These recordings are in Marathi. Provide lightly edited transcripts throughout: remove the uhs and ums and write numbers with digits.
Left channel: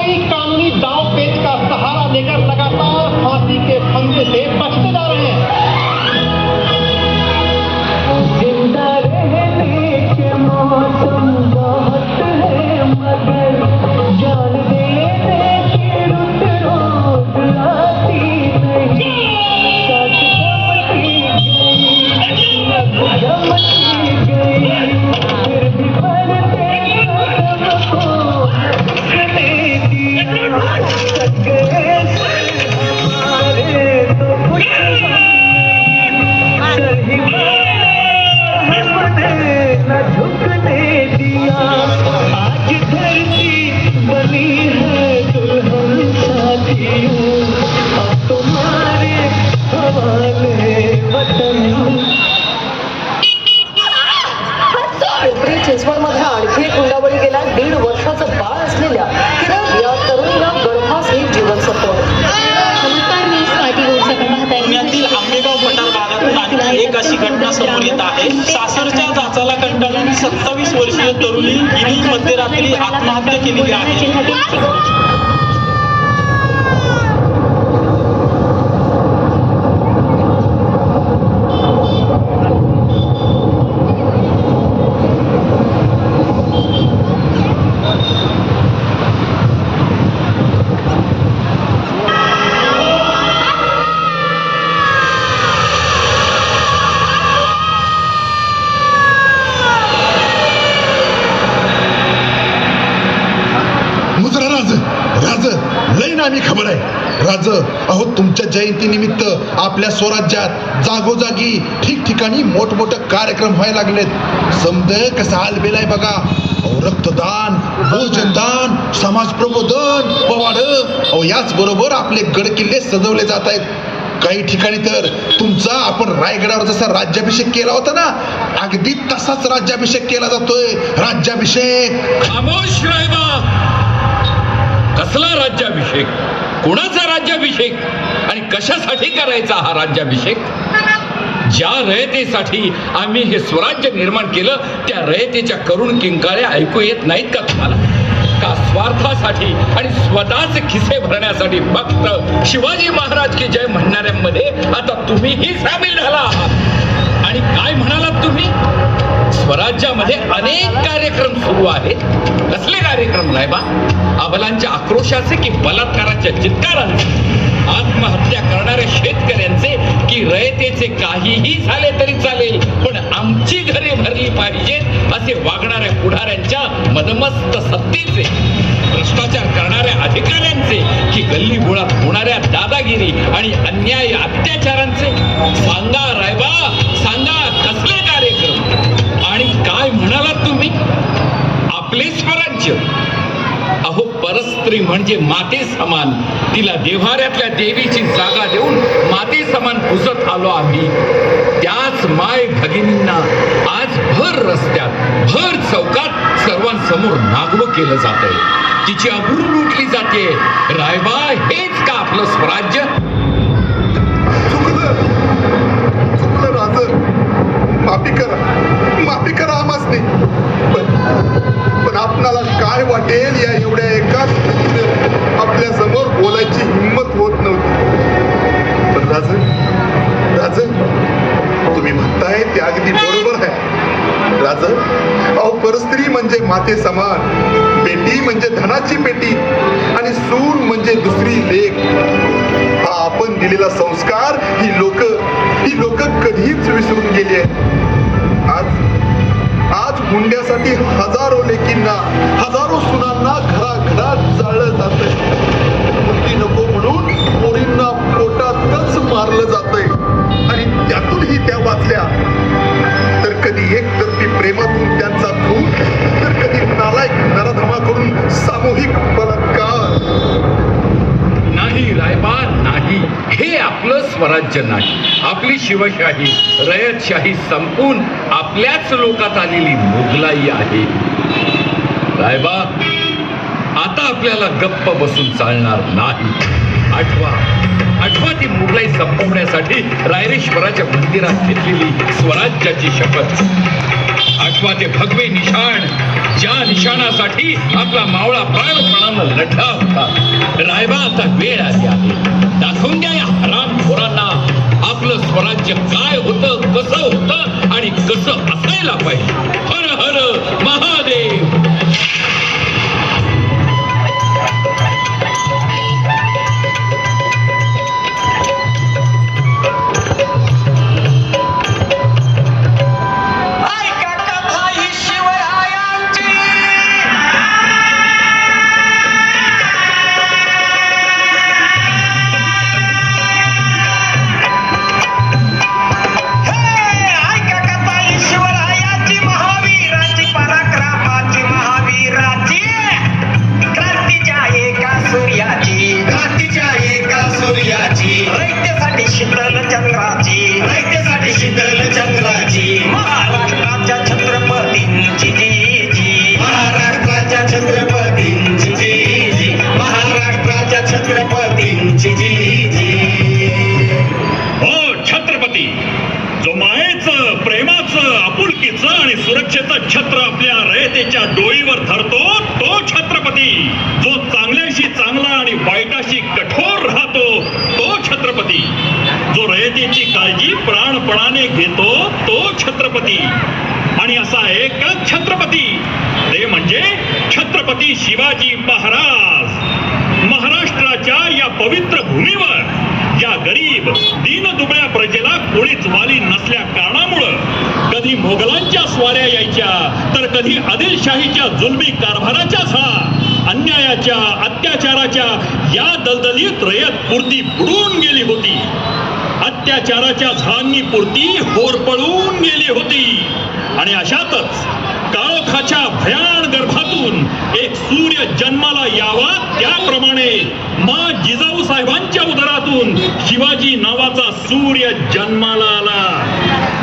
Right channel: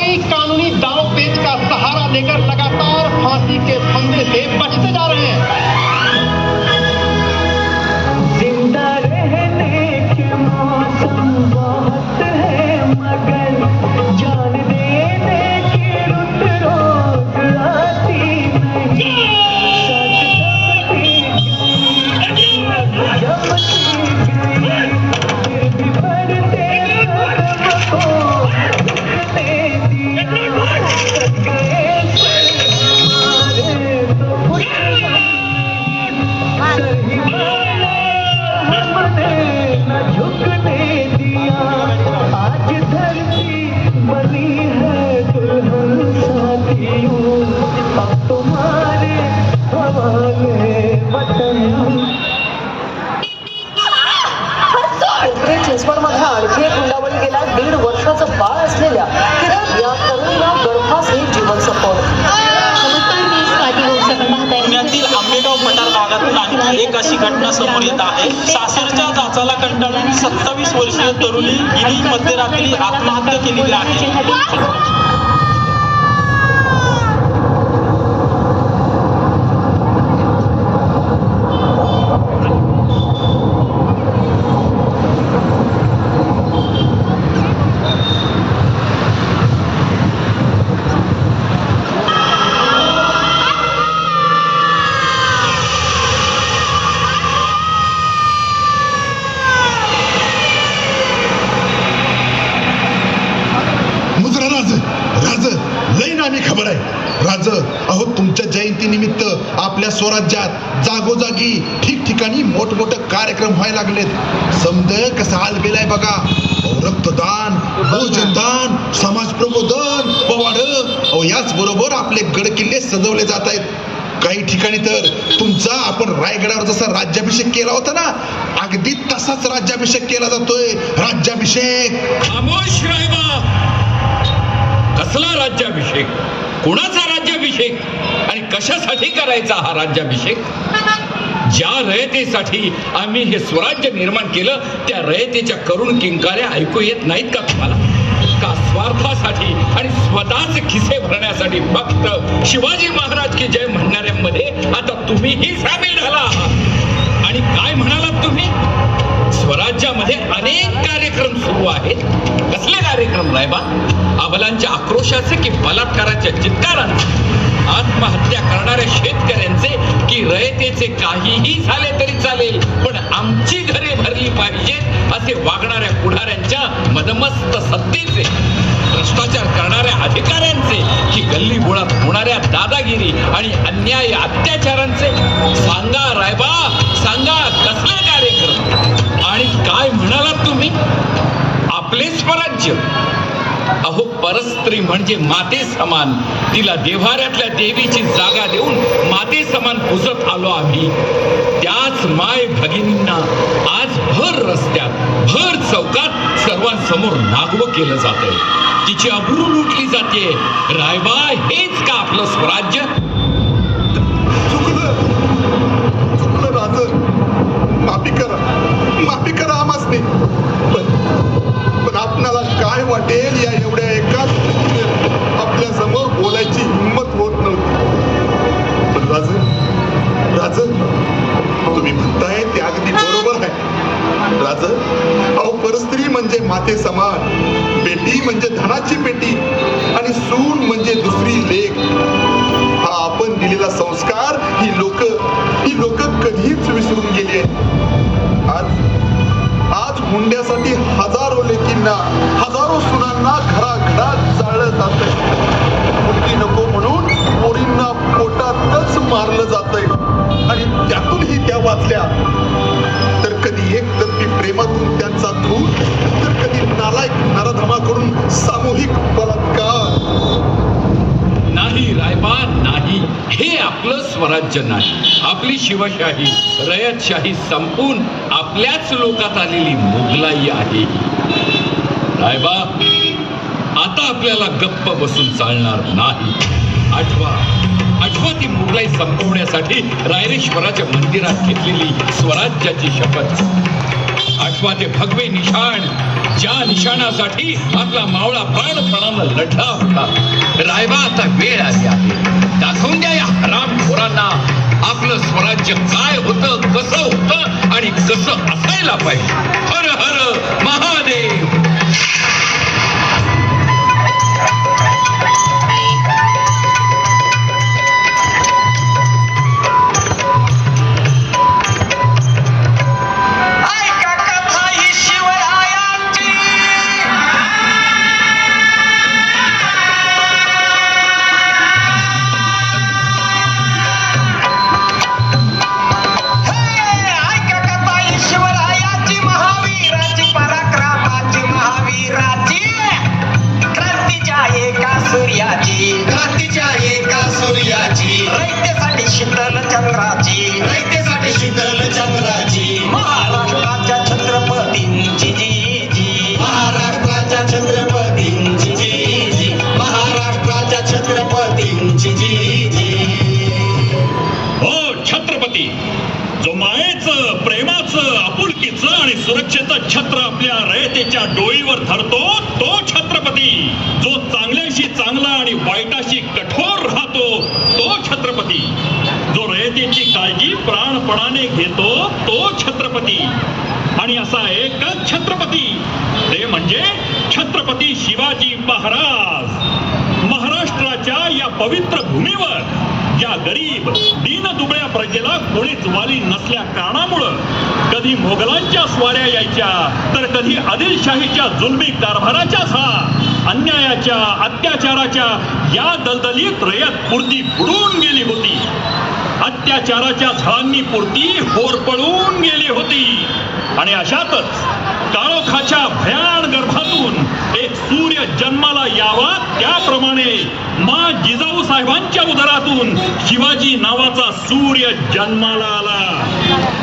कोई कानूनी दांव पेच का सहारा लेकर लगातार फांसी के फंदे से बचते जा रहे हैं। जिंदा रहने के मौसम बहुत है मगर जान देने की रुत रोज आती नहीं। साथ जमती गई फिर भी बढ़ते कदम को रुकने दिया। थक गए हमारे तो कुछ हमने न झुकने दिया। आज धरती बनी है दुल्हन साथियों, अब तुम्हारे हवाले वतन। पिंपरी चिंचवडमध्ये आणखी एक हुंडाबळी गेला। 1.5 वर्षाचं बाळ असलेल्या किरण या तरुणीला गर्भाशयी जीवन संपवलं। पुण्यातील आंबेगाव पठार भागातून आणखी एक अशी घटना समोर येत आहे। सासरच्या जाचाला कंटाळून 27 वर्षीय तरुणी हिने मध्यरात्री आत्महत्या केलेली आहे। खबर आहे राज, अहो तुमच्या जयंतीनिमित्त आपल्या स्वराज्यात जागोजागी ठिकठिकाणी मोठमोठे कार्यक्रम व्हायला लागलेत। समजे कसं हालबेल आहे बघा। रक्तदान, भोजनदान, समाज प्रबोधन, पवाड, अहो याच बरोबर आपले गड किल्ले सजवले जात आहेत। काही ठिकाणी तर तुमचा आपण रायगडावर जसा राज्याभिषेक केला होता ना, अगदी तसाच राज्याभिषेक केला जातोय। राज्याभिषेक खामोश राहिबा, कसला राज्याभिषेक, कुणाचा राज्याभिषेक आणि कशासाठी करायचा हा राज्याभिषेक? ज्या रयतेसाठी आम्ही हे स्वराज्य निर्माण केलं त्या रयतेच्या करुण किंकाळ्या ऐकू येत नाहीत का तुम्हाला? का स्वार्थासाठी आणि स्वतःचे खिसे भरण्यासाठी फक्त शिवाजी महाराज की जय म्हणणाऱ्यांमध्ये आता तुम्हीही सामील झाला आहात? आणि काय म्हणालात तुम्ही? स्वराज्यामध्ये अनेक कार्यक्रम सुरू आहेत। कसले कार्यक्रम रायबा? अबलांच्या आक्रोशाचे की बलात्काराच्या चित्कारांचे? आत्महत्या करणाऱ्या शेतकऱ्यांचे की रयतेचे? काहीही झाले तरी चालेल, पण आमची घरे भरली पाहिजेत असे वागणाऱ्या पुढाऱ्यांच्या मदमस्त सत्तेचे? भ्रष्टाचार करणाऱ्या अधिकाऱ्यांचे की गल्ली बोळात होणाऱ्या दादागिरी आणि अन्याय अत्याचारांचे? सांगा रायबा, सांगा कसले कार्यक्रम आणि काय म्हणालात तुम्ही? आपले स्वराज्य, अहो परस्त्री म्हणजे माते समान, तिला देव्हाऱ्यातल्या देवीची जागा देऊन माते समान पुजत आलो आम्ही। त्याच माय भगिनींना आज भर रस्त्यात, भर चौकात सर्वांसमोर नागवं केलं जातंय, तिची अब्रू लुटली जाते। रायबा, हेच का आपलं स्वराज्य? चुकलं राज, माफी करा आम्हासनी। पण आपणाला काय वाटेल या एवढ्या एकाच आपल्या समोर बोलायची हिंमत होत नव्हती। पण राज, तुम्ही म्हणताय ते अगदी बरोबर आहे राज। अहो परस्त्री म्हणजे माते समान, बेटी म्हणजे धनाची पेटी आणि सून म्हणजे दुसरी लेक। हा आपण दिलेला संस्कार ही लोक कधीच विसरून गेली आहेत। आज मुंड्यासाठी हजारो लेकींना, हजारो सुनांना घराघरात जाळलं जातंय। मुलगी नको म्हणून पोरींना पोटातच मारलं जातंय आणि त्यातूनही त्या वाचल्या तर कधी एकतर्फी प्रेमातून त्यांचा खून, तर कधी नालायक नराधमा करून सामूहिक बलात्कार। नाही रायबा, नाही, हे आपलं स्वराज्य नाही। आपली शिवशाही, रयतशाही संपून आपल्याच लोकात आलेली मुघलाई आहे। रायबा, आता आपल्याला गप्प बसून चालणार नाही। आठवा ती मुघलाई संपवण्यासाठी रायरेश्वराच्या मंदिरात घेतलेली स्वराज्याची शपथ। आठवा ते भगवे निशाण ज्या निशाणासाठी आपला मावळा प्राणपणानं लढला होता. रायबा आता वेळ आली आहे. दाखवून द्या या हरामखोरांना आपलं स्वराज्य काय होतं, कसं होतं आणि कसं असायला पाहिजे. हर हर महादेव. ऐका कथा ही शिवरायांची ऐका कथा ही शिवरायांची महावीराची पराक्रमाची महावीराची क्रांतीच्या एका सूर्याची रयतेसाठी शीतल चंद्राची महाराष्ट्राच्या छत्रपतींची हो छत्रपती, जो मायेचं, प्रेमाचं, आपुलकीचं आणि सुरक्षेचं छत्र आपल्या रयतेच्या डोईवर धरतो तो छत्रपती. जो चांगल्याशी चांगला आणि वाईटाशी कठोर राहतो तो छत्रपती. जो रयतेची काळजी प्राणपणाने घेतो तो छत्रपती. आणि असा एकच छत्रपती, ते म्हणजे छत्रपती शिवाजी महाराज. महाराष्ट्राच्या या पवित्र भूमीवर या गरीब दीनदुबळ्या प्रजेला कोणीच वाली नसल्या कारणामुळं कधी मोगलांच्या स्वाऱ्या यायच्या तर कधी आदिलशाहीच्या जुलमी कारभाराच्या झळा, अन्यायाच्या अत्याचाराच्या या दलदलीत रयत पुरती बुडून गेली होती. अत्याचाराच्या झळांनी पुरती होरपळून गेली होती. आणि अशातच काळोखाच्या भयान गर्भातून एक सूर्य जन्माला यावा, त्याप्रमाणे मा जिजाऊ साहेबांच्या उदरातून शिवाजी नावाचा सूर्य जन्माला आला.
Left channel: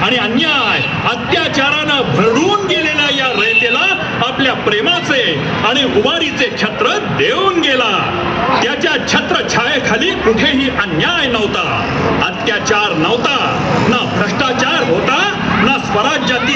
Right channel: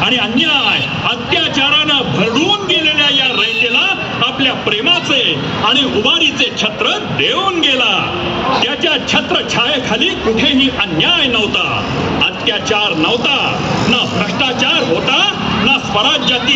आणि अन्याय अत्याचारानं भरडून गेलेल्या या रयतेला आपल्या प्रेमाचे आणि उभारीचे छत्र देऊन गेला. त्याच्या छत्र छायेखाली कुठेही अन्याय नव्हता, अत्याचार नव्हता, ना भ्रष्टाचार होता, ना स्वराज्यातील